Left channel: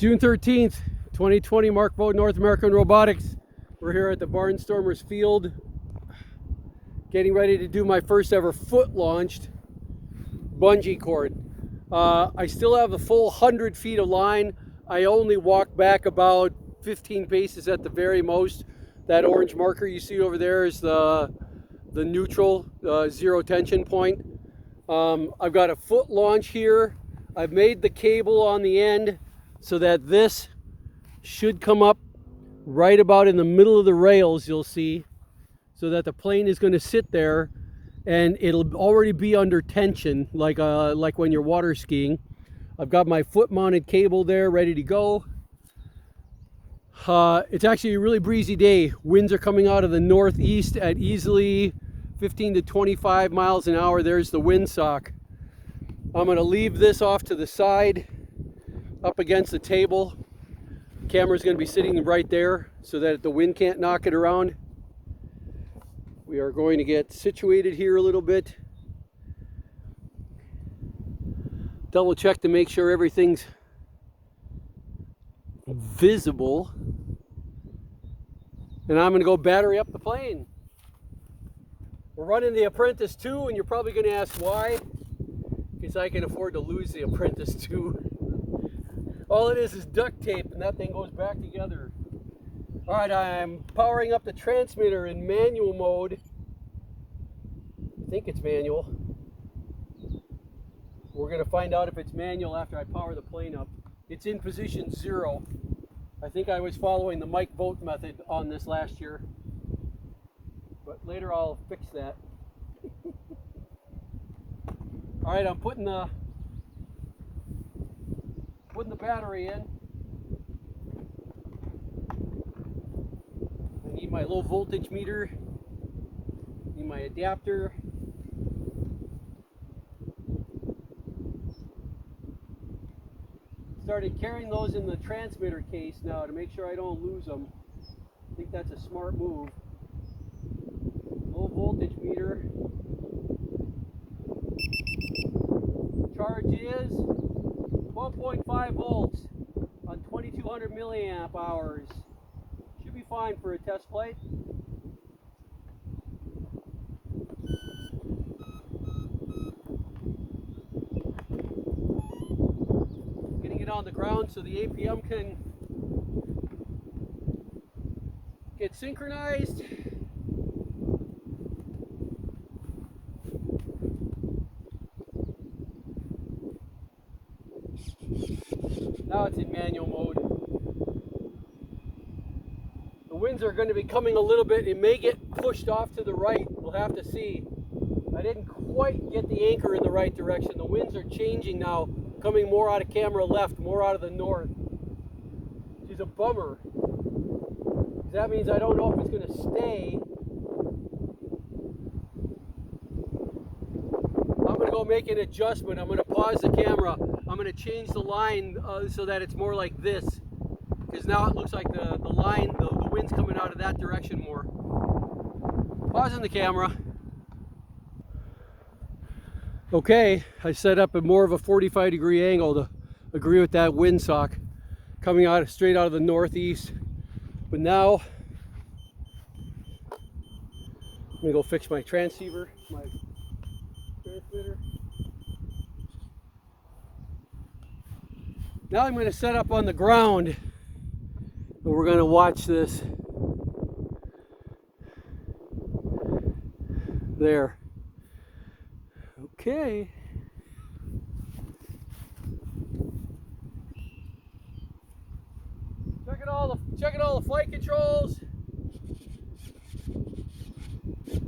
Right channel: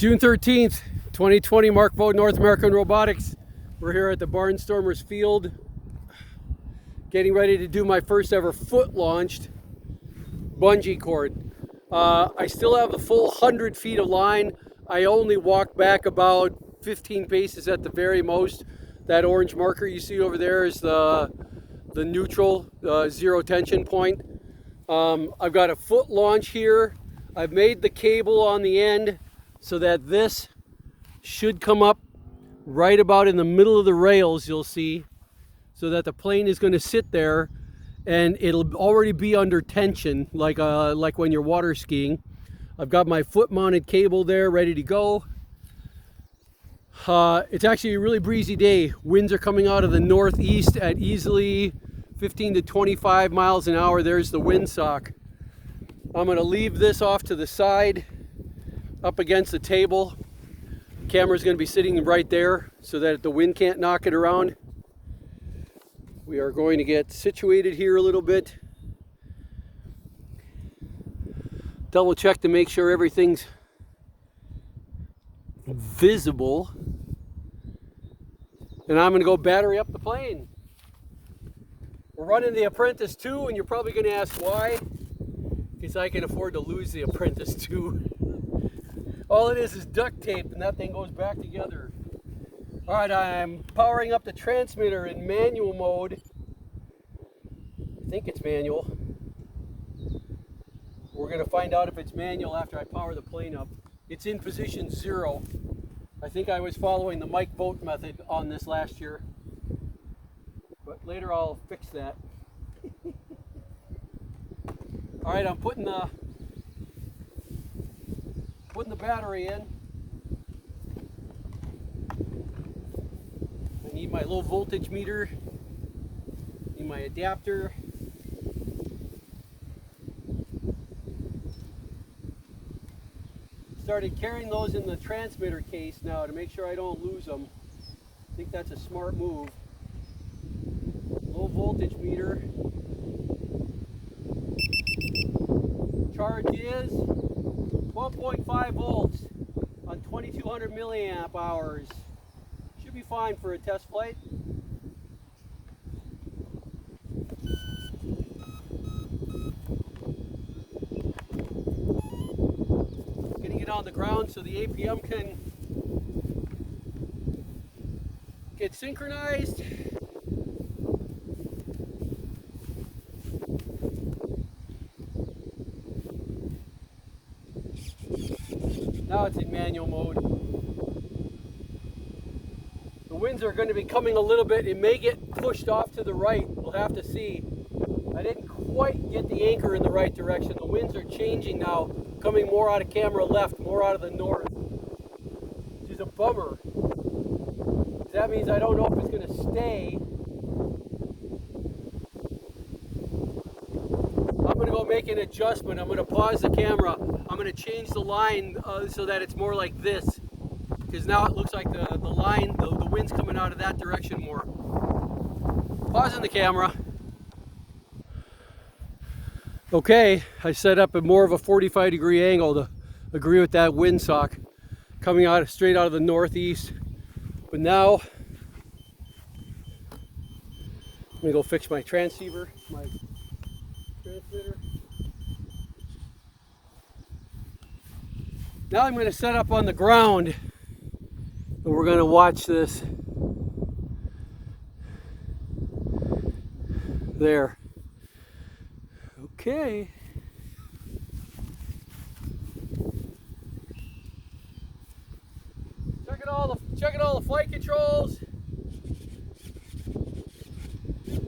June 13th, 2020, Mark Vogt, North American Robotics. We're here at the Barnstormers Field, getting ready to do my first ever foot-launched bungee cord. I still have the full 100 feet of line. I only walked back about 15 paces at the very most. That orange marker you see over there is the neutral, zero tension point. I've got a foot launch here. I've made the cable on the end so that this should come up right about in the middle of the rails, you'll see, so that the plane is going to sit there and it'll already be under tension, like when you're water skiing. I've got my foot mounted cable there ready to go. It's actually a really breezy day. Winds are coming out of the northeast at easily 15 to 25 miles an hour. There's the windsock. I'm going to leave this off to the side up against the table. The camera's going to be sitting right there so that the wind can't knock it around. We are going to get situated here a little bit. Double check to make sure everything's visible. And I'm going to go battery up the plane. We're running the Apprentice 2, and you're probably going to ask why. Because I can afford to lose the Apprentice 2. All it is duct tape, and that thing goes back together. All right, I'm powering up the transmitter in manual mode. I think it's manual. We're going to find out if it's manual after I power the plane up. It's in position 0. I think I was following the Mike Vogt method on this last year. But later I'll fix that. All right, I'm putting the battery in. I need my low voltage meter. Need my adapter. Started carrying those in the transmitter case now to make sure I don't lose them. I think that's a smart move. Low voltage meter. Charge is 12.5 volts on 2200 milliamp hours. Should be fine for a test flight. Getting it on the ground so the APM can get synchronized. Now it's in manual mode. The winds are going to be coming a little bit. It may get pushed off to the right. We'll have to see. I didn't quite get the anchor in the right direction. The winds are changing now, coming more out of camera left, more out of the north. Which is a bummer. That means I don't know if it's going to stay. I'm going to go make an adjustment. I'm going to pause the camera. I'm going to change the line so that it's more like this. Because now it looks like the line, the wind's coming out of that direction more. Pausing the camera. Okay, I set up a more of a 45-degree angle to agree with that windsock coming out straight out of the northeast. But now, let me go fix my transceiver, my transmitter. Now I'm going to set up on the ground and we're going to watch this. There. Okay. Checking all the flight controls.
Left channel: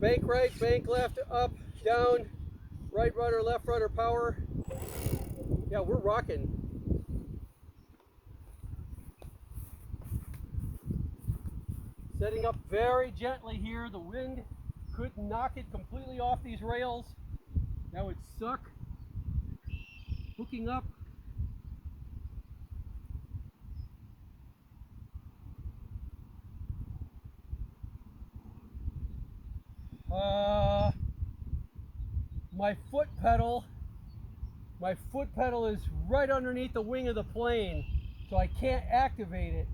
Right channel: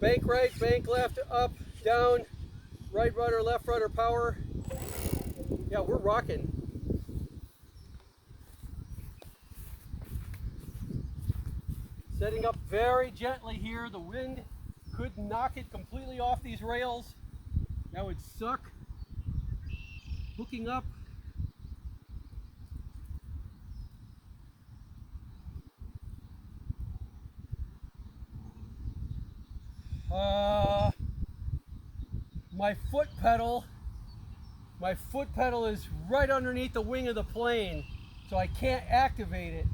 Bank right, bank left, up, down, right rudder, left rudder, power. Yeah, we're rocking. Setting up very gently here. The wind could knock it completely off these rails. That would suck. Hooking up. My foot pedal is right underneath the wing of the plane. so I can't activate it.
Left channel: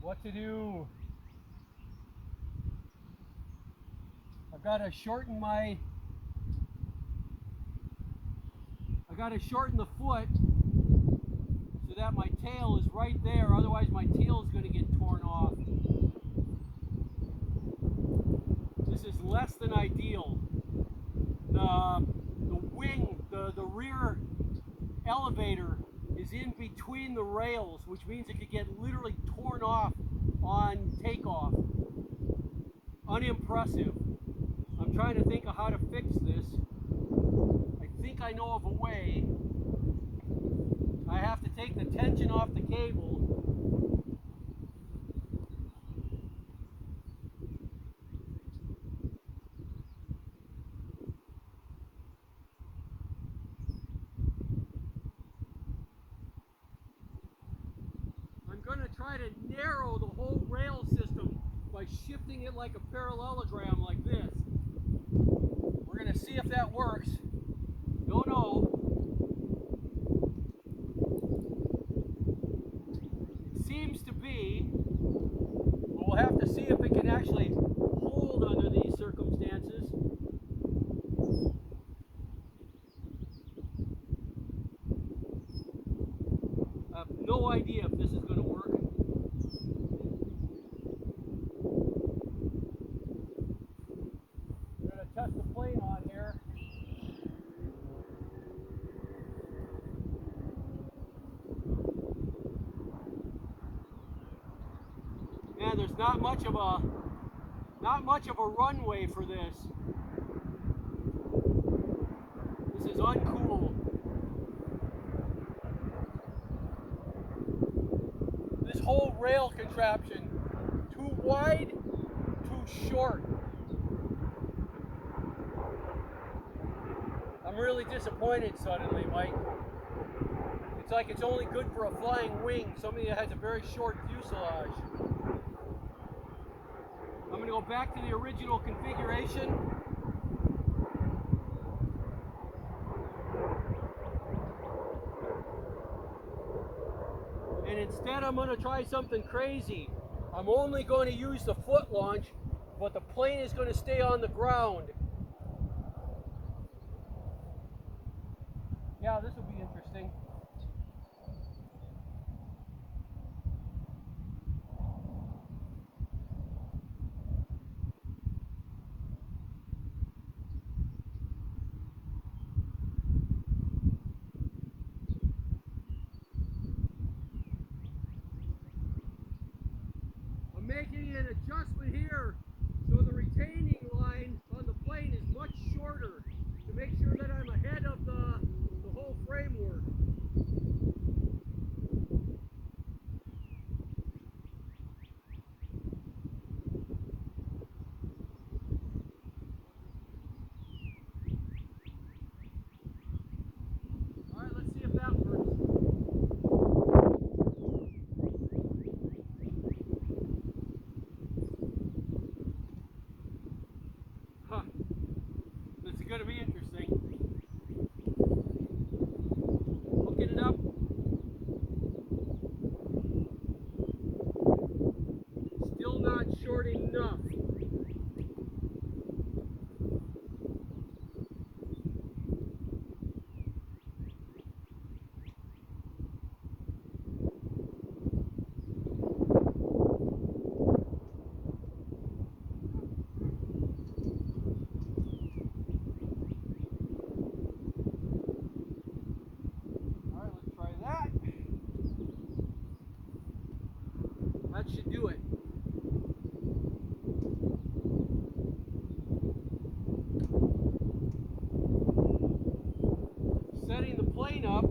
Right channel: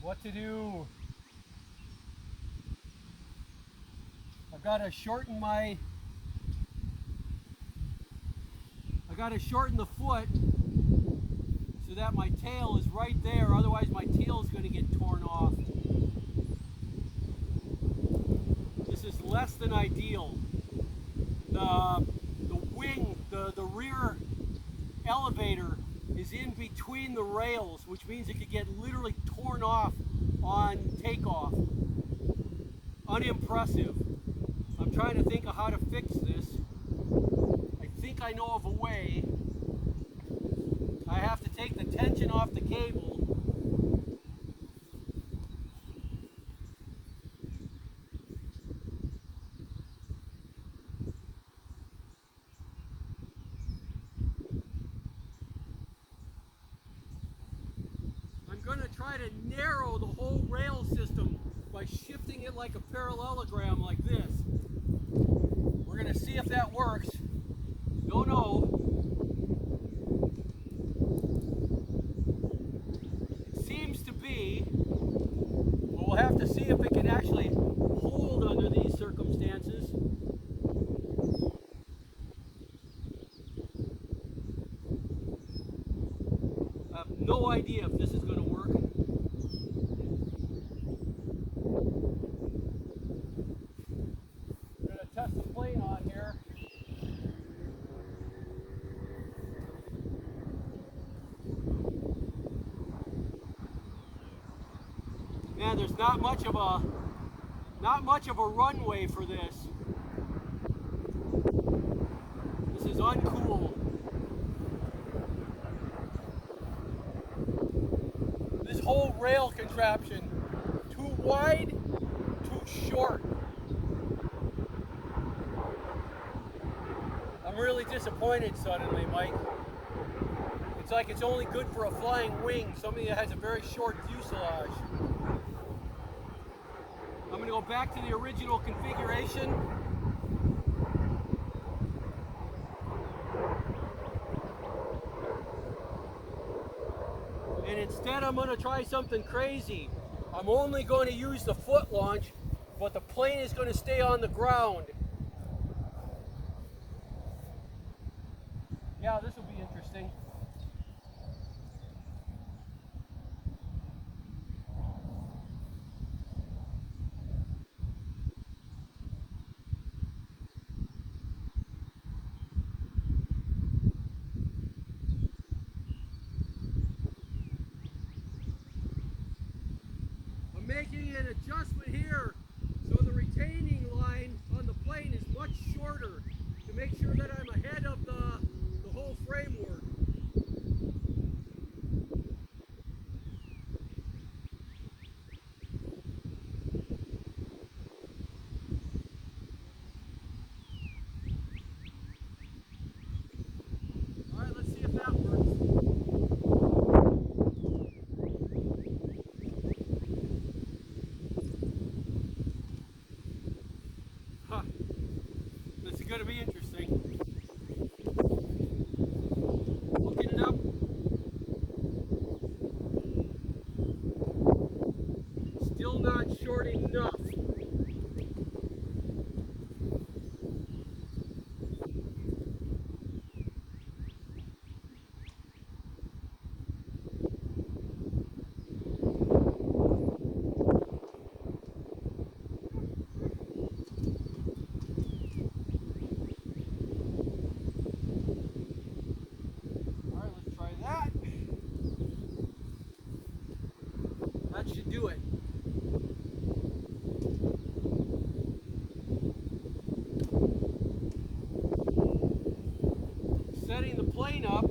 What to do? I've got to shorten the foot so that my tail is right there, otherwise my tail is going to get torn off. This is less than ideal. The wing, the rear elevator is in between the rails, which means it could get literally torn off on takeoff. Unimpressive. I'm trying to think of how to fix this. I think I know of a way. I have to take the tension off the cable. I'm going to try to narrow the whole rail system by shifting it like a parallelogram like this. We're going to see if that works. Don't know. It seems to be, but we'll have to see if it can actually hold under these circumstances. I have no idea if this is going to work. I'm going to test the plane on here. Man, there's not much of a runway for this. This is uncool. This whole rail contraption, too wide, too short. I'm really disappointed suddenly, Mike. It's like it's only good for a flying wing, something that has a very short fuselage. I'm going to go back to the original configuration. And instead I'm going to try something crazy. I'm only going to use the foot launch, but the plane is going to stay on the ground. Yeah, this will be interesting. I'm making an adjustment here so the retaining line on the plane is much shorter to make sure that I'm ahead of the whole framework. All right, let's see if that works. Huh. This is going to be interesting. Hooking it up. Still not short enough. That should do it. Setting the plane up.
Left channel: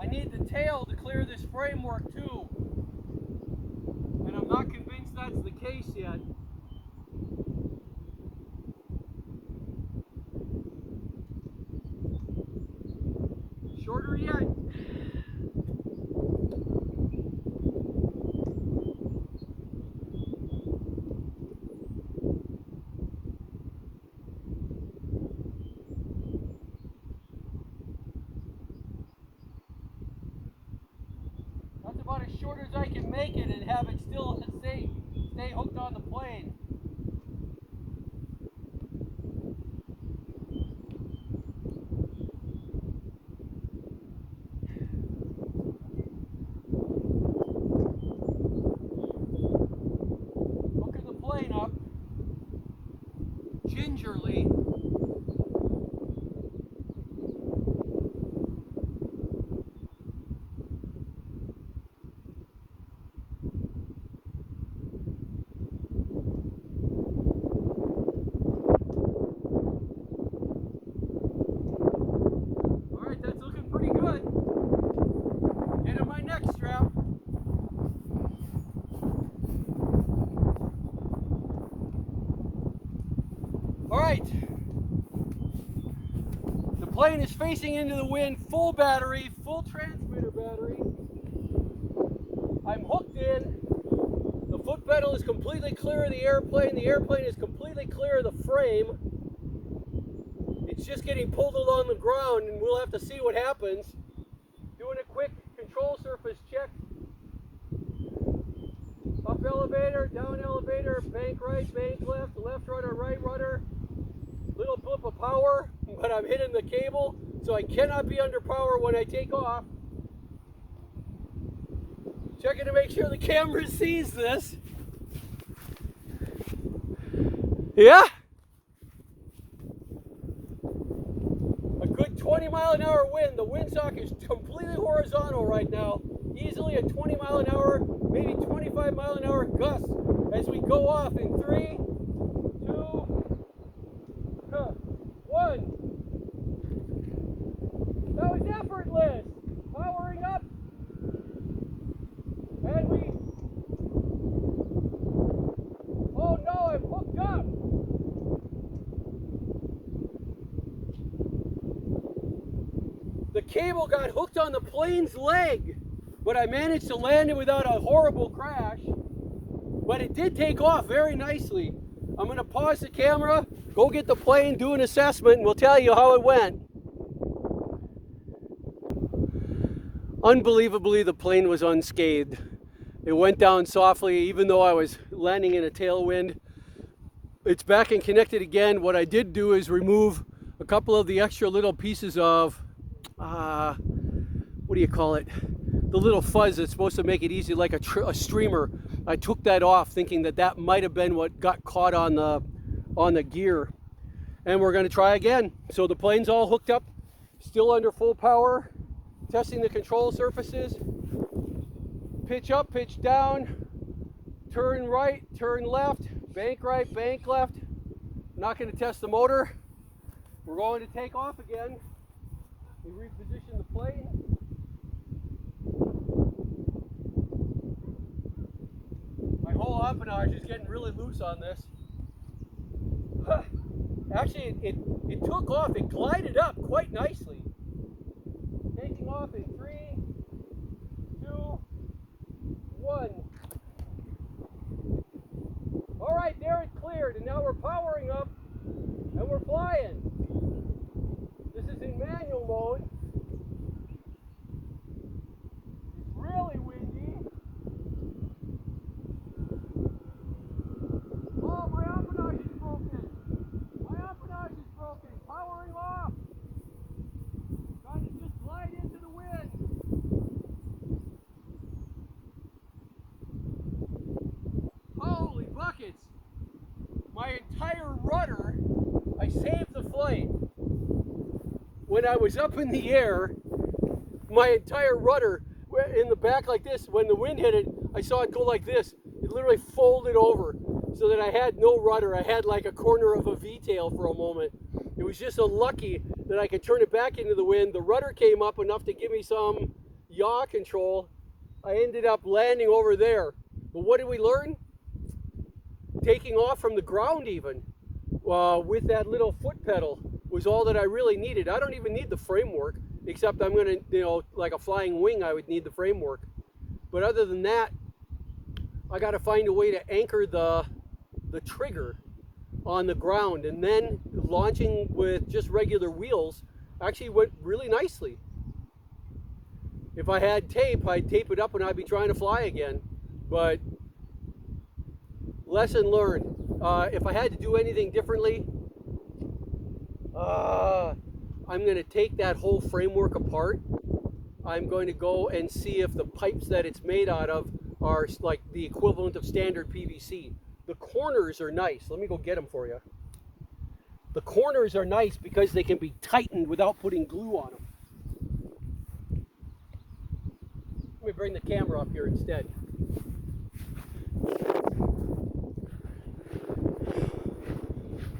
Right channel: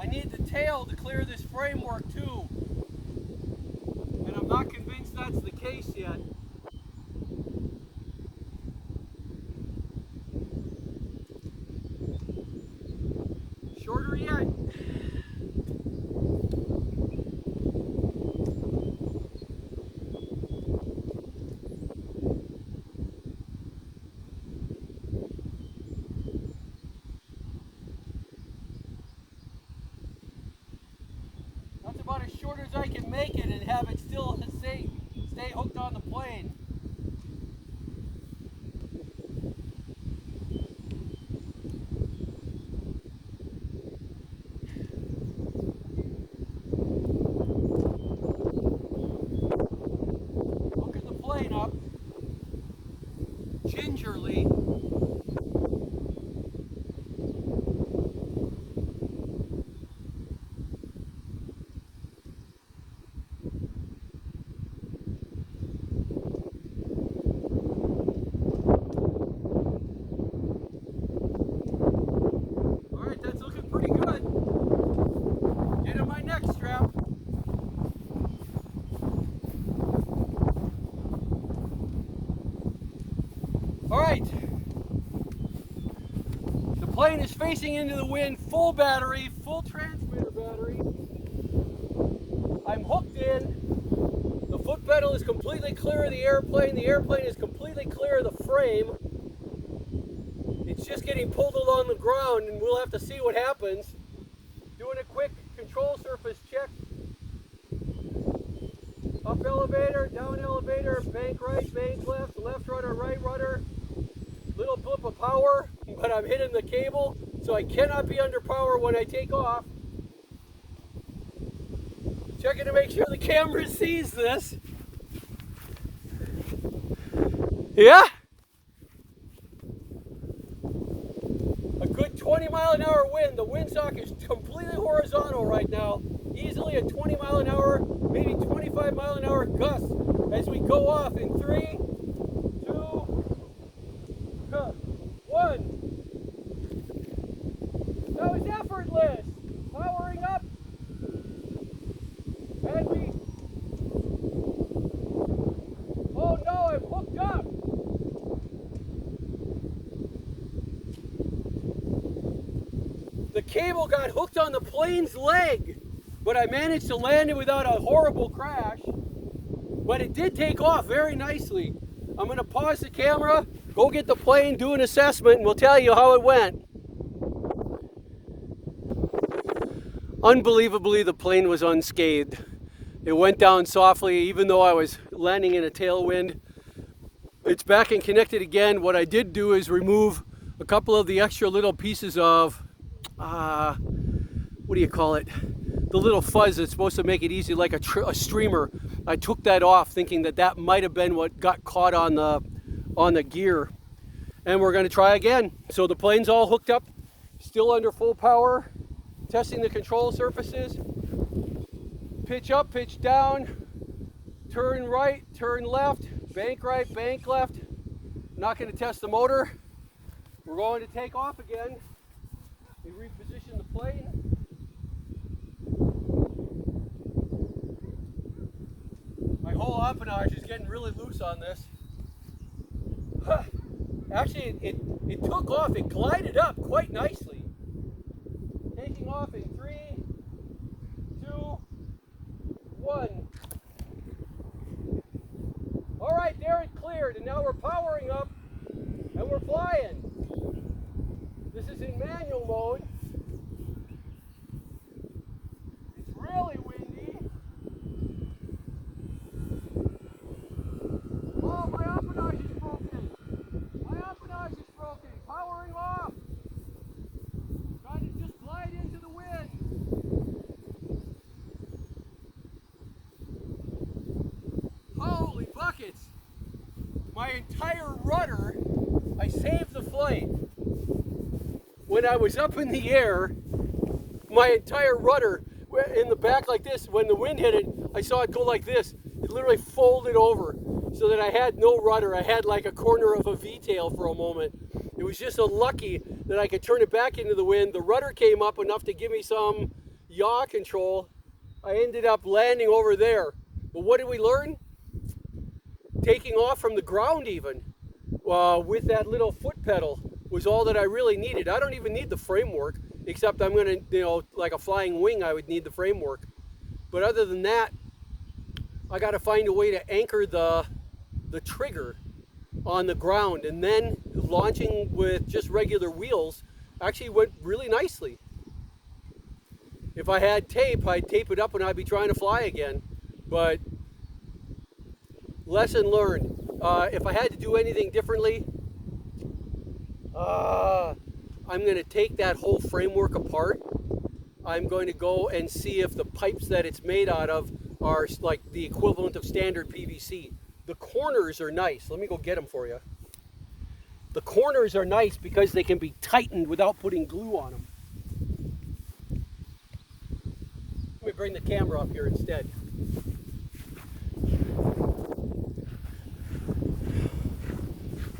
I need the tail to clear this framework too. And I'm not convinced that's the case yet. shorter yet. That's about as short as I can make it and have it still stay hooked on the plane. Hooking the plane up gingerly. Next strap. All right. The plane is facing into the wind, full battery, full transmitter battery. I'm hooked in. The foot pedal is completely clear of the airplane. The airplane is completely clear of the frame. It's just getting pulled along the ground, and we'll have to see what happens. Doing a quick control surface check. Up elevator, down elevator, bank right, bank left, left rudder, right rudder. Little blip of power, but I'm hitting the cable, so I cannot be under power when I take off. Checking to make sure the camera sees this. Yeah? A good 20-mile-an-hour wind. The windsock is completely horizontal right now. Easily a 20-mile-an-hour, maybe 25-mile-an-hour gust as we go off in 3, 2, 1. That was effortless. Powering up. And we... Oh no, I'm hooked up. The cable got hooked on the plane's leg, but I managed to land it without a horrible crash. But it did take off very nicely. I'm going to pause the camera, go get the plane, do an assessment, and we'll tell you how it went. Unbelievably, the plane was unscathed. It went down softly, even though I was landing in a tailwind. It's back and connected again. What I did do is remove a couple of the extra little pieces of what do you call it? The little fuzz that's supposed to make it easy, like a streamer. I took that off, thinking that that might have been what got caught on the gear. And we're going to try again. So the plane's all hooked up, still under full power, testing the control surfaces. Pitch up, pitch down, turn right, turn left, bank right, bank left. Not going to test the motor. We're going to take off again. We reposition the plane. My whole empennage is getting really loose on this. Actually, it took off. It glided up quite nicely. Taking off in 3, 2, 1. All right, there it cleared, and now we're powering up, and we're flying. This is in manual mode. It's really windy. Oh, my empennage is broken. My empennage is broken. Powering off. Trying to just glide into the wind. Holy buckets. My entire rudder, I saved the flight. When I was up in the air, my entire rudder in the back like this, when the wind hit it, I saw it go like this. It literally folded over so that I had no rudder. I had like a corner of a V-tail for a moment. It was just so lucky that I could turn it back into the wind. The rudder came up enough to give me some yaw control. I ended up landing over there. But what did we learn? Taking off from the ground even with that little foot pedal. was all that I really needed. I don't even need the framework, except I'm gonna, you know, like a flying wing, I would need the framework. But other than that, I gotta find a way to anchor the trigger on the ground, and then launching with just regular wheels actually went really nicely. If I had tape, I'd tape it up and I'd be trying to fly again. But lesson learned. If I had to do anything differently, I'm going to take that whole framework apart. I'm going to go and see if the pipes that it's made out of are like the equivalent of standard PVC. The corners are nice. Let me go get them for you. The corners are nice because they can be tightened without putting glue on them. Let me bring the camera up here instead.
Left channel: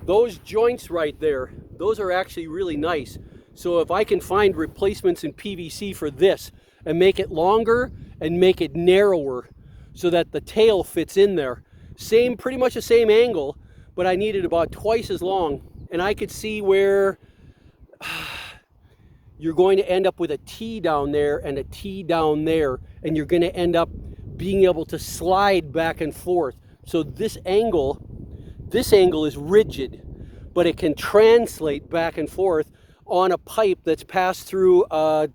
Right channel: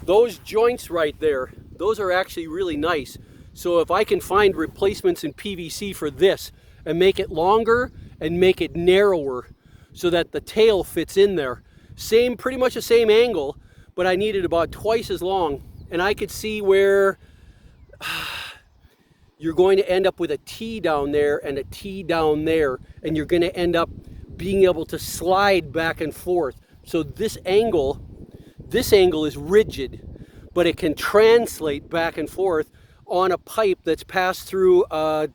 Those joints right there, those are actually really nice. So if I can find replacements in PVC for this and make it longer and make it narrower so that the tail fits in there. Pretty much the same angle, but I need it about twice as long. And I could see where you're going to end up with a T down there and a T down there, and you're going to end up being able to slide back and forth. So this angle is rigid, but it can translate back and forth on a pipe that's passed through a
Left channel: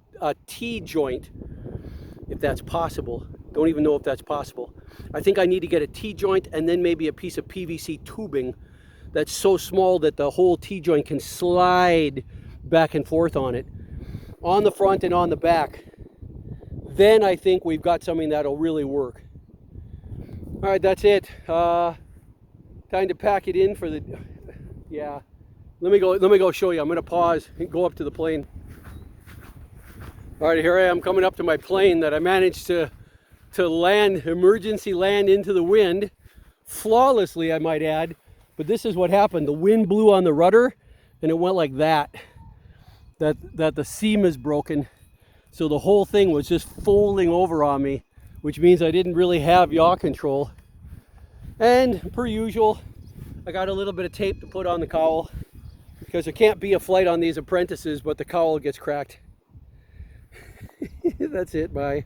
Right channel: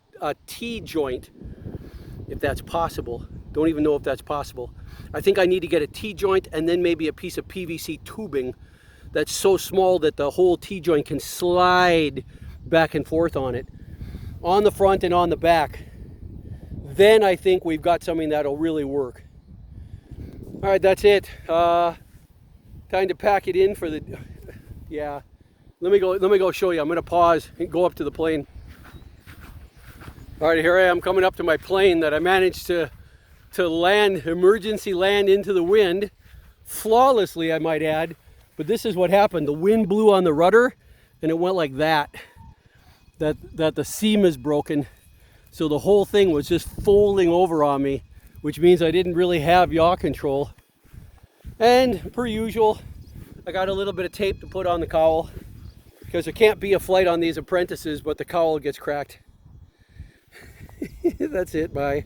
T joint, if that's possible. Don't even know if that's possible. I think I need to get a T joint and then maybe a piece of PVC tubing that's so small that the whole T joint can slide back and forth on it, on the front and on the back. Then I think we've got something that'll really work. All right, that's it. Time to pack it in for the, yeah. Let me go show you. I'm gonna pause and go up to the plane. All right, here I am coming up to my plane that I managed to land, emergency land into the wind, flawlessly I might add. But this is what happened. The wind blew on the rudder and it went like that the seam is broken. So the whole thing was just folding over on me, which means I didn't really have yaw control. And per usual, I got a little bit of tape to put on the cowl because there can't be a flight on these apprentices, but the cowl gets cracked. That's it, bye.